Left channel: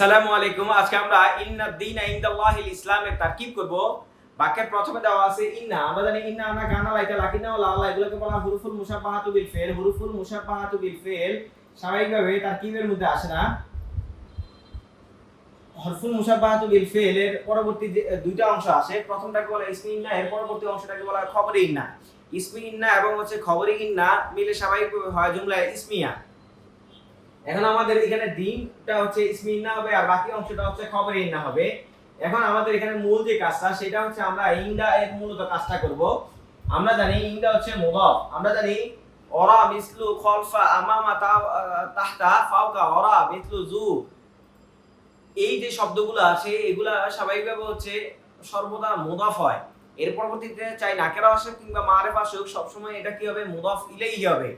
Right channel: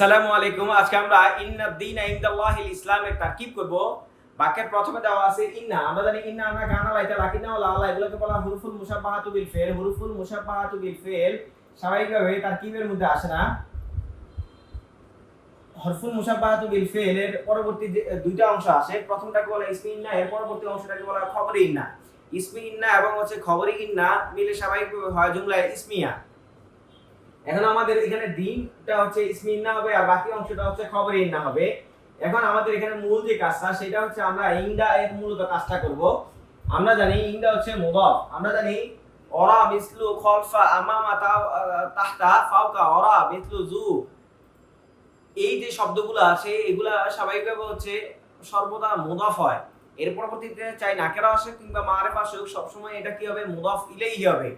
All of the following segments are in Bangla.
আসসালামু আলাইকুম। আজকে আমরা ইন্না দীনা ইনদাল্লাহিল ইসলামের তারকিব করব। বাক্যের প্রথমে দেওয়া আছে ইন্না। আমরা জানি ইন্না আমরা কানা লাইতা লাকিনা ওয়া লা এগুলোকে বলা হুরুফুল মুশাব্বাহাতু বিল ফিল। হুরুফুল মুশাব্বাহাতু বিল ফিল স্বাভাবিকভাবে তারকিবের মধ্যে আসে না। হরফুল মুশাব্বাহাতু বিল ফিল এর পরবর্তী যে দুইটা অংশ আসে, প্রথমটাকে বলা ইসমি ইন্না, এর পরবর্তী অংশটাকে বলা খবরি ইন্না। ইসমি ইন্না এবং খবরি ইন্না মিলে স্বাভাবিকভাবে হয় জুমলা ইসমিয়া। এখন আমাদের এখানে দিনটা হচ্ছে ইসমি ইন্না হবে আর বাকি অংশটা হচ্ছে খবরে ইন্না হবে। এখন আমাদের এখানে মূল যে কাজটা সেটা হচ্ছে আমরা ইনদা এর মূলত কাজটা করব। আমরা জানি ইনদা হচ্ছে মুদাফ। আমরা জানি ওরা মিসলু খলফা আমামা তাহতা ফাওকা ওরা মিসলু জু, এই যে শব্দগুলো আছে এগুলা স্বাভাবিকভাবে হচ্ছে সর্বদা মুদাফ হয়। এর পরবর্তীতে চাই নাকেরা আসুক কিংবা মারিফা আসুক, সবসময় এটা কি হবে? মুদাফ ইলাইহি হবে।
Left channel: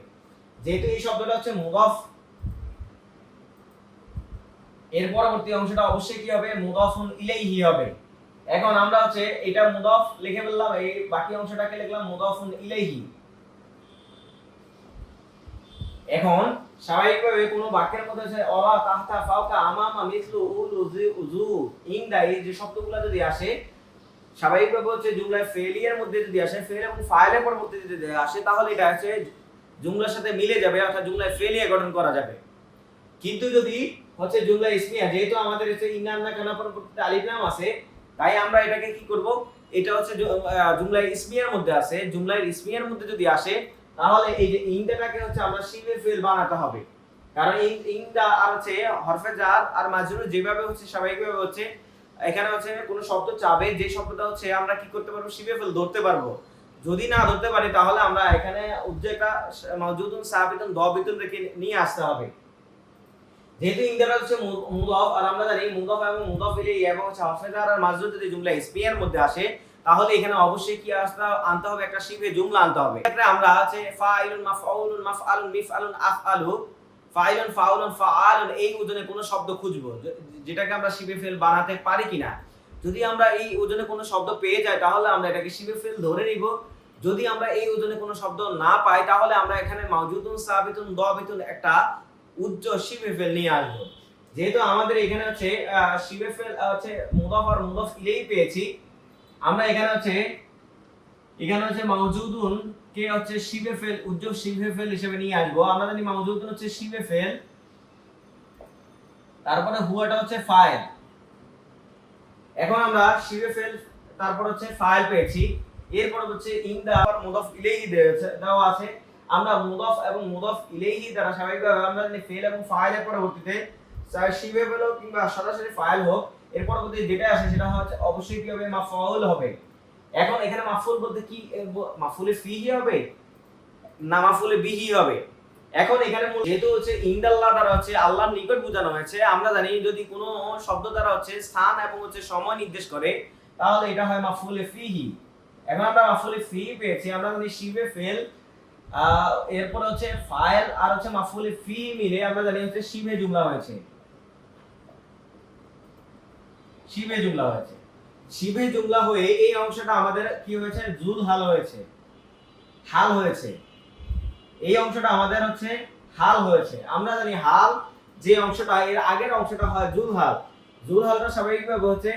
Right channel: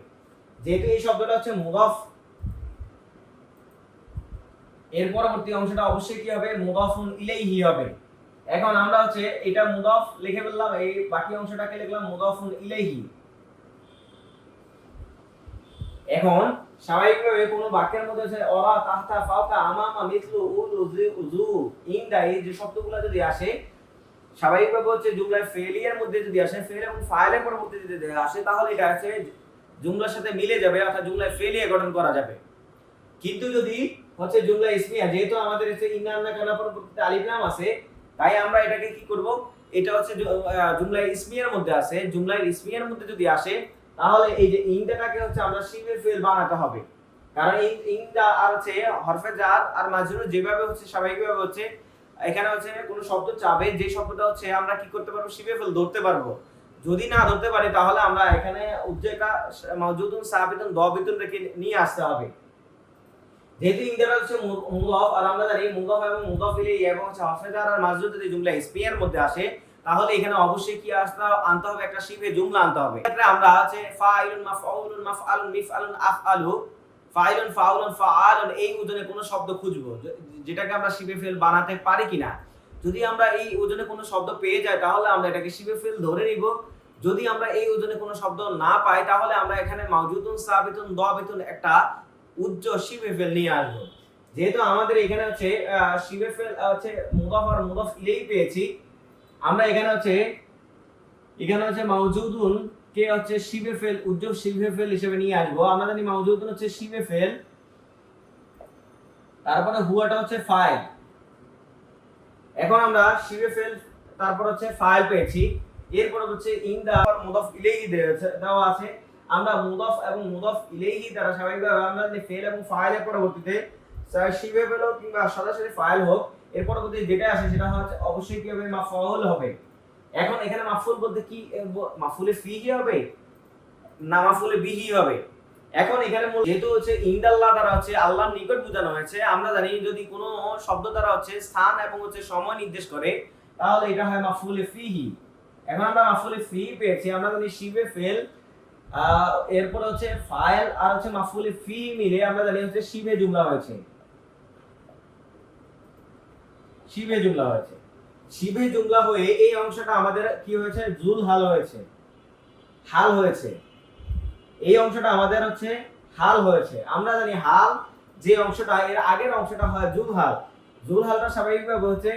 যেহেতু এই শব্দটা হচ্ছে মুদাফ, এর পরবর্তী অংশটা অবশ্যই কি হবে? মুদাফুন ইলাইহি হবে। এখন আমরা হচ্ছে এটা মুদাফ লিখে ফেললাম, এই বাকি অংশটাকে লিখলাম মুদাফুন ইলাইহি। এখন স্বাভাবিকভাবে কোনো বাক্যের মধ্যে আছে ওরা তাহতা ফাওকা আমামা মিসলু উলু জু ইনদা, এই যে শব্দগুলো যদি আসে স্বাভাবিকভাবে হচ্ছে জুমলায় ফেলিয়ার মধ্যে যদি আসে, ফেল এবং ফাইলের পরবর্তীতে যদি আসে তাহলে এটা হচ্ছে জুমলার সাথে মিলে যাবে, অর্থাৎ জুমলায় ফেলিয়া গঠন করা যাবে। কিন্তু যদি হচ্ছে জুমলা ইসমিয়া, যেহেতু আমাদের হচ্ছে ইন্না কানা পরবর্তীতে আলিফ লাম আছে, তাই আমরা এটাকে কি করব? এটা হচ্ছে জুমলা ইসমিয়ার মধ্যে আছে। জুমলা ইসমিয়ার মধ্যে যদি আসে তাহলে এই যে ইনদাটাকে হচ্ছে আমরা শিবে ফেল বানাতে হবে। কারণ ইনদা আর হচ্ছে হরফে জার আর মাজরুর যেভাবে হচ্ছে স্বাভাবিকভাবে হচ্ছে এখানে হচ্ছে কোন শব্দ চাবে, যে শব্দটা হচ্ছে আমরা কি করতে পারবো? শিবে ফেল ধরতে পারবো। যদি না ধরতে পারি তাহলে আমরা এখানে উজ্জেকা মাওজুদুন সাবিতুন দাবিতুন রেখে নিয়ে আসতে হবে। যেহেতু ইনদাটা হচ্ছে মুদাফ আর আমরা জানি মুদাফ এবং মুদাফ ইলাইহি এবং হরফে জার আর মাজরুর যদি জুমলা ইসমিয়ার মধ্যে আসে তাহলে এখানে অবশ্যই কি আনতে হবে? একটা শিবে জুমলা আনতে হবে। এক্ষেত্রে আমরা হচ্ছে ফাইলুন মাফউলুন মাফআলুন মিফআলুন আফআলু ফাইলুন ফাউলুন ফাআলুন এই ওজনে কোনো শব্দ খুঁজবো যেটাকে আমরা শিবে ফেল বানাতে পারি কিনা। যদি আমরা এই ওজনে কোনো শব্দ পেয়ে যাই তাহলে আমরা এটাকে শিবে ফেল ধরে নিব। যদি আমরা এই ওজনে কোনো শব্দ না পাই তাহলে আমরা এখানে মাওজুদুন সাবিতুন দাবিতুন একটা উজ্জ শিবে ফেল নিয়ে আসবো। যেহেতু আমাদের এখানে হচ্ছে শিবে ফেল হচ্ছে মুদাফ আর মুদাফ ইলাইহি পেয়েছি, আমরা এখানে হচ্ছে মাওজুদুন কে হচ্ছে শিবে ফেল উজ্জ শিবে ফেল হিসেবে নিয়ে আসবো। আমরা জানি মাওজুদুন হচ্ছে শিবে ফেল, তারপরে হুয়াটা হচ্ছে ফাইল। এখন আমরা শিবে ফেল তারপর হচ্ছে ফাইল পেয়েছি, এরপর হচ্ছে ইনদা আর মুদাফ ইলাইহি দেওয়া আছে। আমরা মুদাফ এবং মুদাফ ইলাইহি দ্বারা স্বাভাবিকভাবে আমরা জানি ফেল এবং ফাইলের পরবর্তীতে চাই শিবে ফেল হোক কিংবা সরাসরি ফাইল হোক, এর পরবর্তীতে যেটা আসে সেটা হচ্ছে অবশ্যই কি হবে? মাফউল হবে। এখন এখানে মাফউল বলতে কি মাফউলে ফিহি হবে না মাফউলে বিহি হবে? এখন এখানে যেহেতু হচ্ছে ইনদাল্লাহ দ্বারা হচ্ছে আল্লাহর নিকট বোঝানো হয়েছে, আমরা জানি যদি কোনো শব্দ দ্বারা হচ্ছে স্থান এবং হচ্ছে সময় নির্দেশ করে তাহলে এটা হয় মাফউলে ফিহি। এখন আমরা মাফউলে ফিহি পেয়েছি, আমরা জানি শিবে ফেল এরপর হচ্ছে ফাইল আর হচ্ছে মাফউলে ফিহি মিলে আমরা জানি হচ্ছে শিবে জুমলা হয়েছে। শিবে জুমলা হয়েছে। শিবে জুমলা হয়ে এই অংশটা আমাদের কি হয়েছে? জুল হাল হয়েছে, হাল হয়েছে। এই অংশটা আমাদের হচ্ছে হাল হয়েছে। আমরা জানি হাল যে অংশটা, এর আগের অংশটা হয় জুল হাল। জুল হালটা স্বাভাবিকভাবে হচ্ছে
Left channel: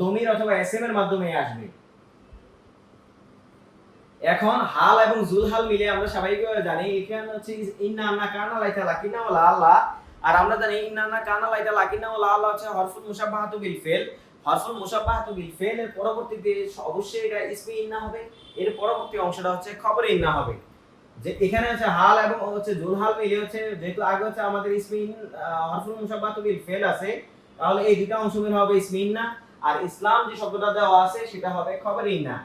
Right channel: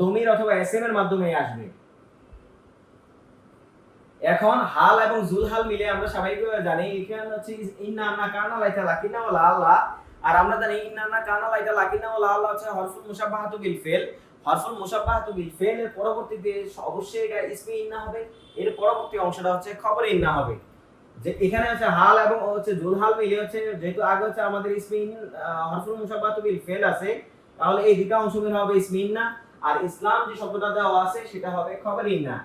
দমির অথবা এসএম এর মাধ্যমে আসবে। এখন হাল এবং জুল হাল মিলে আমরা স্বাভাবিকভাবে জানি এখানে হচ্ছে ইন্না আন্না কানা লাইতা লাকিনা ওয়া লা আল্লাহ, আর আমরা জানি ইন্না আন্না কানা লাইতা লাকিনা ওয়া লা আল্লাহ হচ্ছে হরফুল মুশাব্বাহাতু বিল ফিল। হরফুল মুশাব্বাহাতু বিল ফিল এর পরবর্তীতে অবশ্যই এটা ইসমি ইন্না হবে, এর পরবর্তী অংশটা হচ্ছে খবরে ইন্না হবে। যে এখানে হচ্ছে হাল এবং হচ্ছে জুল হাল মিলে হচ্ছে, যেহেতু আগে হচ্ছে আমাদের ইসমি হরফুল মুশাব্বাহাতু বিল ফিল আছে, তাহলে এই দুটো অংশ মিলে হবে ইসমি ইন্না, আর ইসলাম যে শব্দটা দেওয়া আছে সেটা হবে খবরে ইন্না।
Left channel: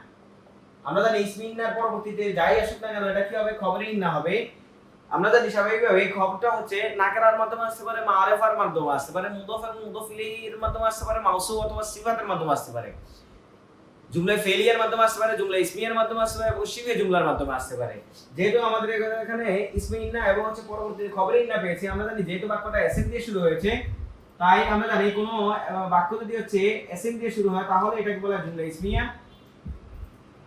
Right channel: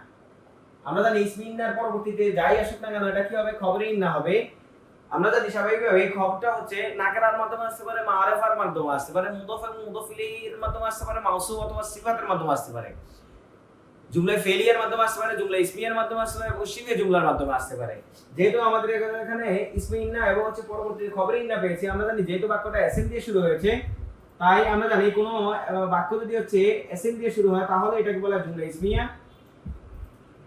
আমরা জানি ইসমি ইন্নার পরবর্তীতে যাই আসুক না কেন এটা কি হবে? খবরে ইন্না হবে। আমরা জানি স্বাভাবিকভাবে এই খবরটা হচ্ছে নাকেরার মাধ্যমে আসতে পারে, মারিফার মাধ্যমে আসতে পারে, মুদাফ এবং মুদাফ ইলাইহির মাধ্যমে আসতে পারে, মাউসুফ অথবা সিফাতের মাধ্যমে আসতে পারে, জুমলা ফেলিয়ার মাধ্যমে আসতে পারে, জুমলা ইসমিয়ার মাধ্যমে আসতে পারে এবং শিবে জুমলার মাধ্যমে আসতে পারে। যেহেতু আমাদের এখানে ইসমি ইন্না এবং হচ্ছে পরবর্তীতে খবরে ইন্না পেয়েছি, আমরা জানি যেহেতু বাক্যটা এসএম দিয়ে শুরু হয়েছে, তাই আমরা জানি কোনো বাক্য যদি হচ্ছে এসএম দিয়ে শুরু হয় তাহলে এটাকে বলা হয় জুমলা ইসমিয়া,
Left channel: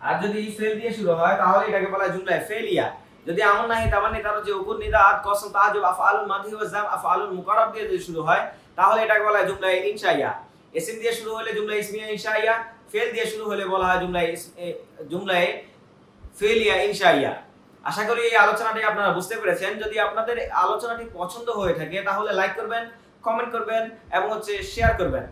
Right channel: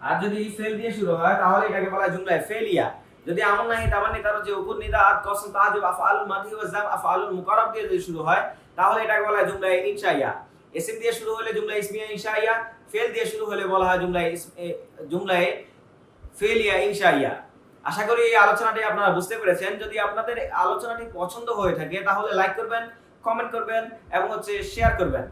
আর যদি ফেল দিয়ে শুরু হয় তাহলে এটাকে বলা হয় জুমলা ফেলিয়া। যদি আমন নাহি তামান্নি তার যে উপর নিদা আদ কসম তাহাজুব আফআলুল মাদি ওয়া জাম আফআলুল মুকাররাব দিয়ে যদি শুরু হয় তাহলে এটাকে বলা হয় জুমলায় ইনশাইয়া। ইসম দিয়ে শুরু হলে জুমলা ইসমিয়া ইনশাইয়া, ফেল দিয়ে শুরু হলে বলা হয় জুমলায় ফেলিয়া ইনশাইয়া। আশা করি এই আলোচনাটি আপনারা বুঝতে পেরেছেন। যদি আপনাদের আলোচনাটি পছন্দ হয়ে থাকে তাহলে লাইক করবেন, কমেন্ট করবেন এবং শেয়ার করবেন।